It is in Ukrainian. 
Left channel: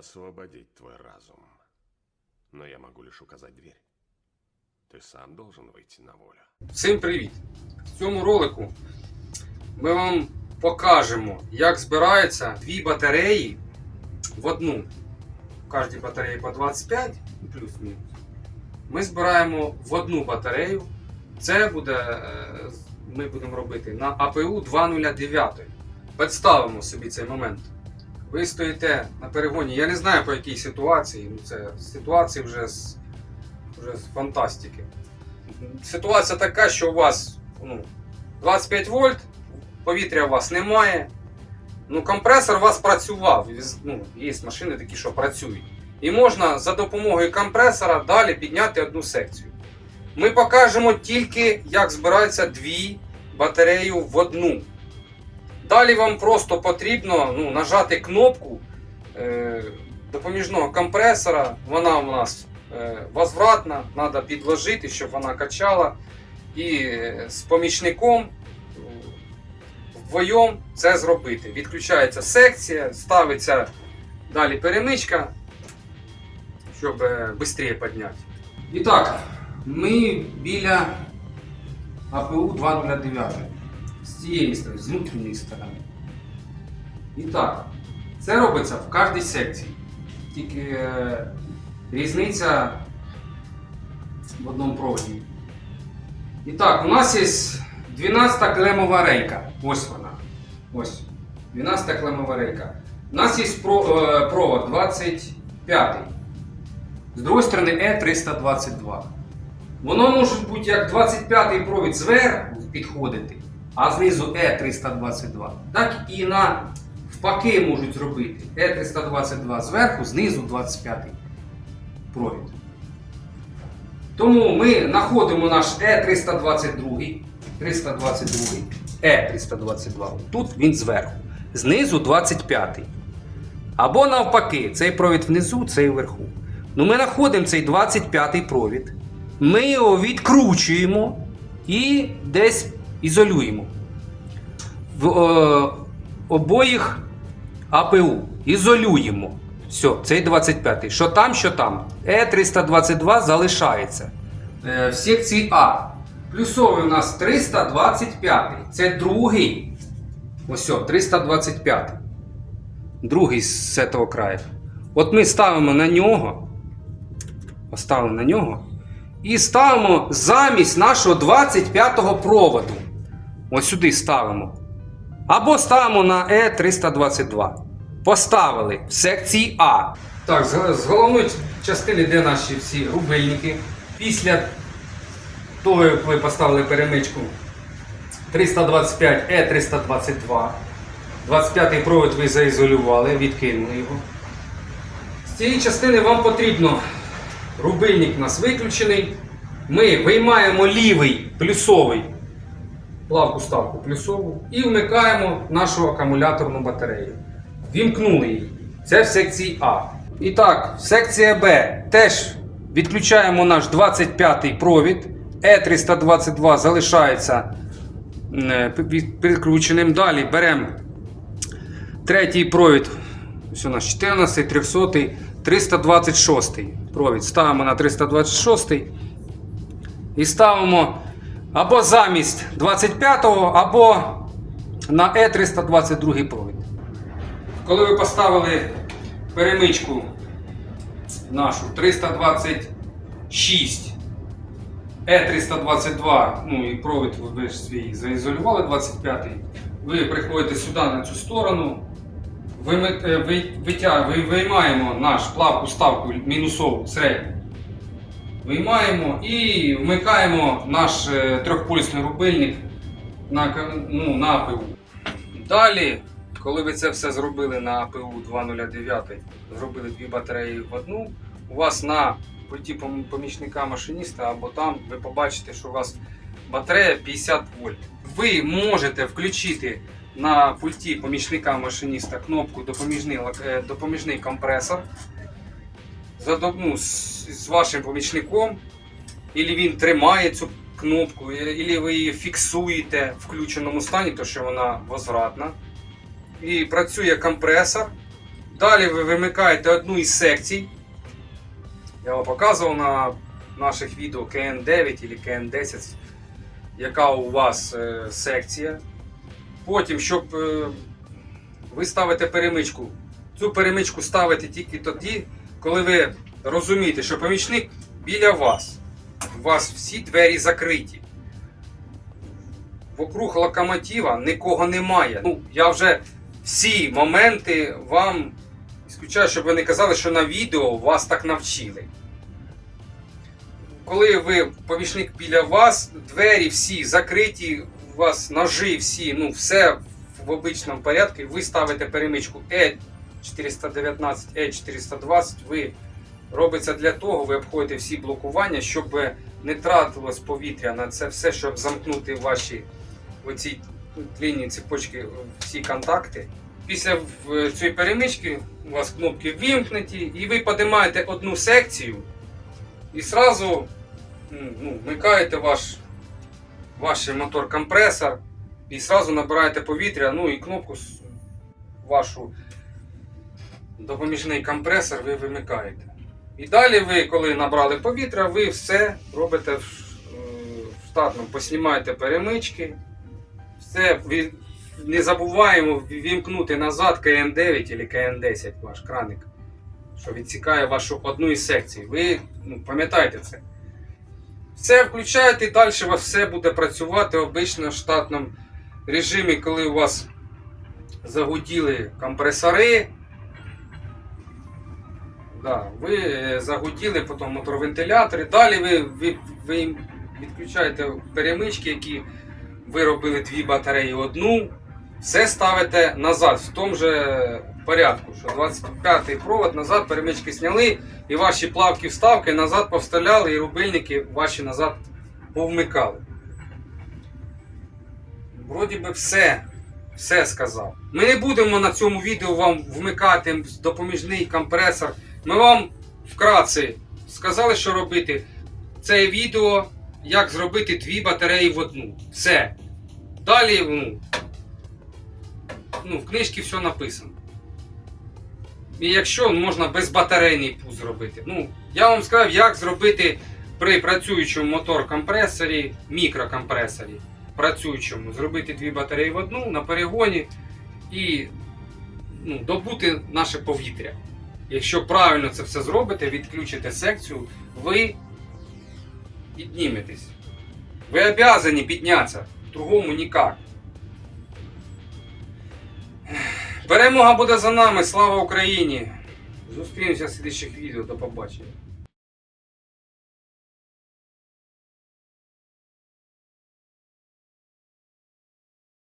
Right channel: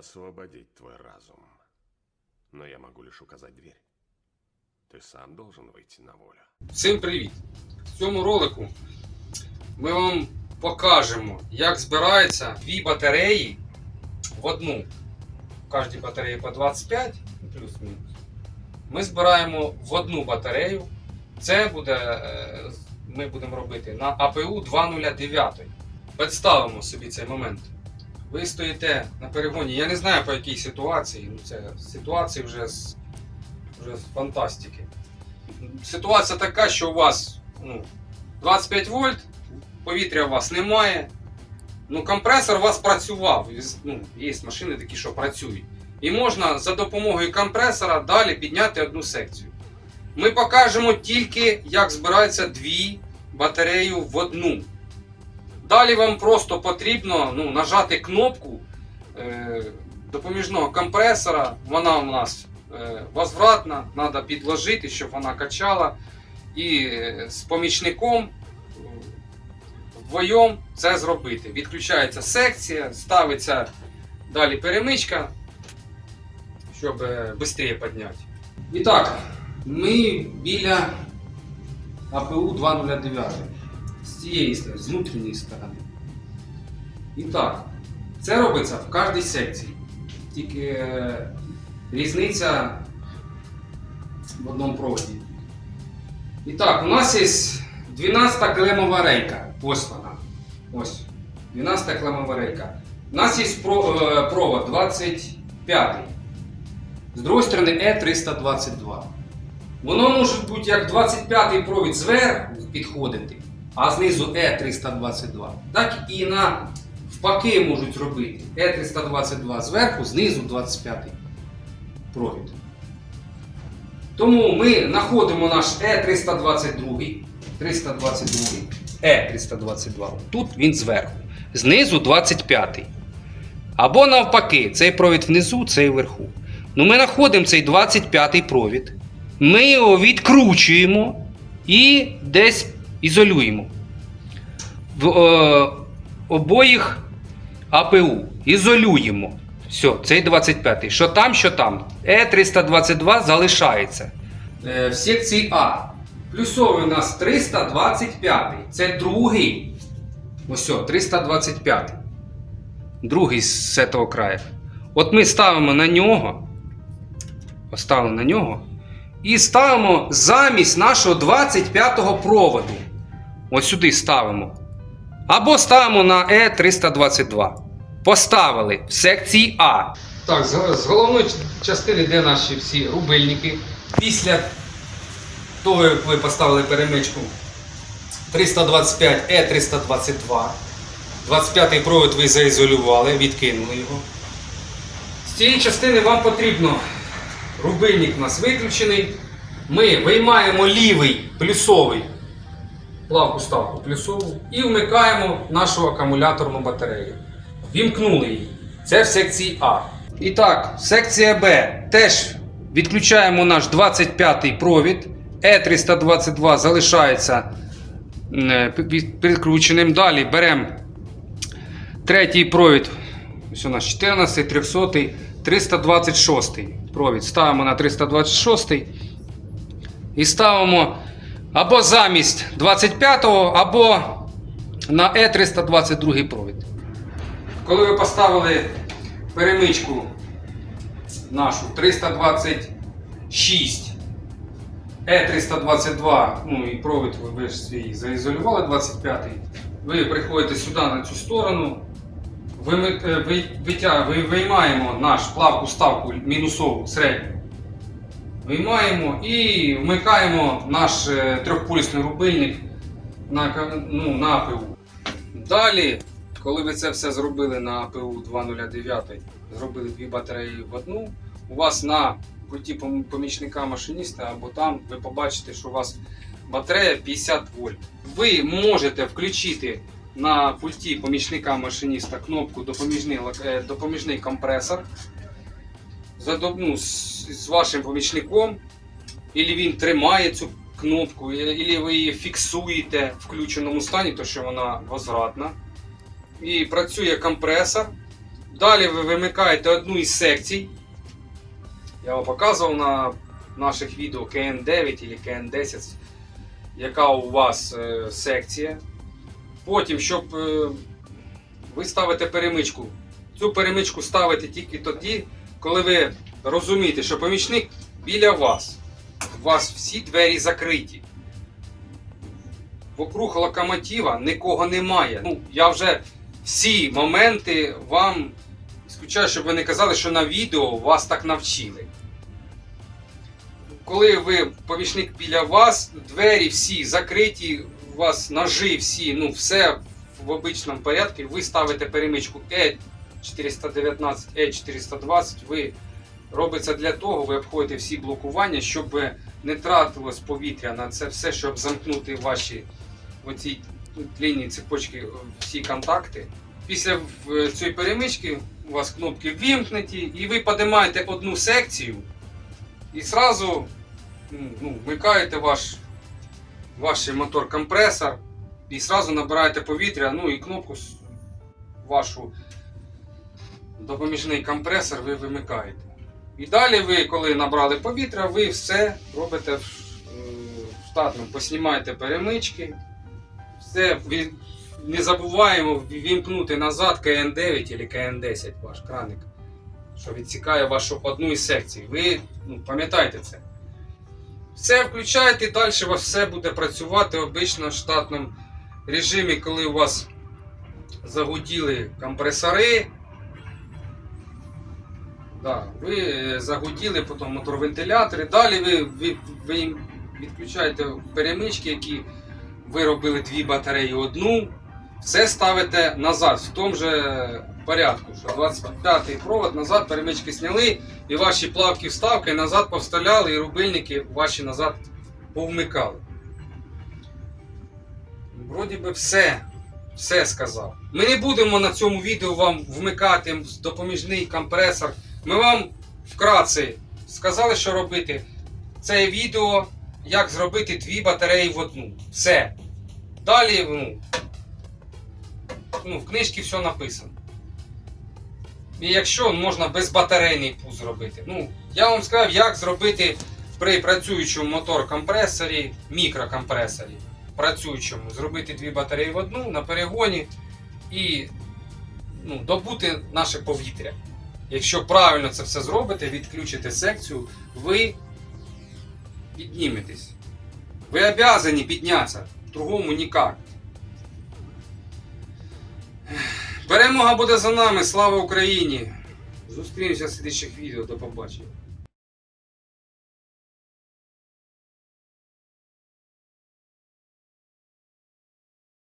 освободить твой разум. Но я могу лишь указать дверь. Ты сам должен выйти на волю. Всім привіт! В цьому ролику ми вам покажемо, як збираються дві батареї в одну. В кожній батареї по 25, ну, плюс-мінус. Ми збираємо в одну батарею. Це буде, е, ми будемо робити на АПУ 209. Представимо собі цей момент. Ви стоїте на перегоні. Я не знаю по якій ситуації. Ну це ситуації вже з, вже з фантастики ситуація така, що у вас ну, 25 вольт, повітря у вас немає. Ну, компресор у вас працював. Ну, є машини такі, що працюють. І можна за допомогою компресора далі підняти одну секцію. Ми покажемо тільки, як збираються дві батареї в одну. Далі вам просто потрібно ну, нажати кнопку е, допоміжного компресора. Вона у нас е, возвратна, треба підложити, щоб вона качала. І е, з помічником е, вдвоєм це зробити. Відключається секція, ставиться далі перемичка, щоб швидше підняти. І так, ми біля АПУ 209 з цієї сторони, з внутрішньої сторони. І так, це робиться в кожній секції. Тільки е, різниця в одному проводі. І так, у нас є 12 клемова рейка. Ось вона. Ось. 12 клемова рейка. У нас є е, провод 25. З другої сторони Е322. Воно може бути як 25-й провід зверху підходити, а знизу Е322. Так і на впаки можуть робити. Е322 зверху, знизу 25-й провід. Тому ми знаходимо наш Е322. 322. Е322. Тут він зверху. Знизу 25-й. Або навпаки, цей провід внизу, цей вверху. Ну, ми знаходимо цей 25-й провід. Ми його відкручуємо і десь ізолюємо. В е, обоїх АПУ ізолюємо. Все, цей 25-й. Що там, що там. Е322 залишається. Е, в секції А. Плюсовий у нас 325. Це другий. Ось, о, 325. Другий з цього краю. От ми ставимо на нього. Поставили на нього. І ставимо замість нашого 25-го проводу. Ось сюди ставимо. Або ставимо на Е322. Поставили в секції А. Так, з, головної частини, де наші всі рубильники. Після того, як ви поставили перемичку 325 Е322. 25-й провід ви заізолювали, відкинули його. З цієї частини вам потрібно, рубильник у нас виключений. Ми виймаємо лівий плюсовий плавку ставку плюсову і вмикаємо нашу акумуляторну батарею. Вімкнули її. Це в секції А. І так, секція Б. Теж відключаємо наш 25-й провід. Е322 залишається е, підключеним. Далі беремо третій провід. Ось у нас 14, 300, 326 провід. Ставимо на 326 і ставимо або замість 25-го, або на Е322 провід. Коли ви поставили перемичку нашу 326 Е322, ну і провід ви ж свій заізолювали 25-й, ви приходите сюди на цю сторону, е, виймаємо наш плавку ставку мінусову середню. Виймаємо і вмикаємо наш е, трьохпульсний рубильник на, ну, на АПУ. Далі, коли ви це все зробили на АПУ 209, зробили дві батареї в одну, у вас на пом- помічника машиніста або там ви побачите, що у вас батарея 50 вольт. Ви можете включити на пульті помічника машиніста кнопку допоміжний, е, допоміжний компресор ну, з, з вашим помічником, і він тримає цю кнопку, і ви її фіксуєте в включеному стані, тому що вона возвратна. І працює компресор, Далі ви вимикаєте одну із секцій. Я вам показував на наших відео КН9 або КН10, яка у вас е, секція. Потім, щоб е, ви ставите перемичку. Цю перемичку ставите тільки тоді, коли ви розумієте, що помічник біля вас. У вас всі двері закриті. Вокруг локомотива нікого немає. Ну, я вже всі моменти вам ісключаю, щоб ви не казали, що на відео вас так навчили. Коли ви помічник біля вас, двері всі закриті, у вас ножи всі, ну все в обичному порядку, ви ставите перемичку E419, E420, ви робиться для того, ви обходите всі блокування, щоб не тратилось повітря на це все, щоб замкнути ваші оці лінії цепочки, всі контакти. Після цієї перемички у вас кнопки ввімкнуті, і ви піднімаєте одну секцію і зразу ну, вмикаєте ваш, ваш мотор-компресор і зразу набираєте повітря, ну і кнопку вашу допоміжний компресор ви вимикаєте. І далі ви, коли набрали повітря, ви все робите в, е, штатному, поснімаєте перемички, все не забуваємо вімкнути назад КН9 або КН10 ваш краник, що відсікає вашу одну із секцій. Ви ну, пам'ятайте це. Все включаєте і далі вас все буде працювати обично в штатному режимі, коли у вас загуділи компресори. Да, ви е, загуділи, потім мотор-вентилятори. Далі ви, ви, ви відключаєте перемички, які ви робили дві батареї одну. Все ставите назад в тому же порядку, що 25-й провод назад перемички зняли, і ваші плавки вставки назад повставляли, і рубильники ваші назад повмикали. Вроді би все, все сказав. Ми не будемо на цьому відео вам вмикати допоміжний компресор. Ми вам вкратце сказали, що робити. Це відео, як зробити дві батареї в одну. Все. Далі, ну, ну, в книжці все написано. І якщо можна безбатарейний пул зробити. Ну, я вам сказав, як зробити при працюючому мотор-компресорі, мікрокомпресорі, працюючому, зробити дві батареї в одну на перегоні і ну, добути наше повітря. Якщо правильно це все зробите, відключите секцію, ви підніметесь. Ви обязані піднятися, другому нікак. Перемога буде за нами, слава Україні! Зустрінемося в слідчих відео, до побачення.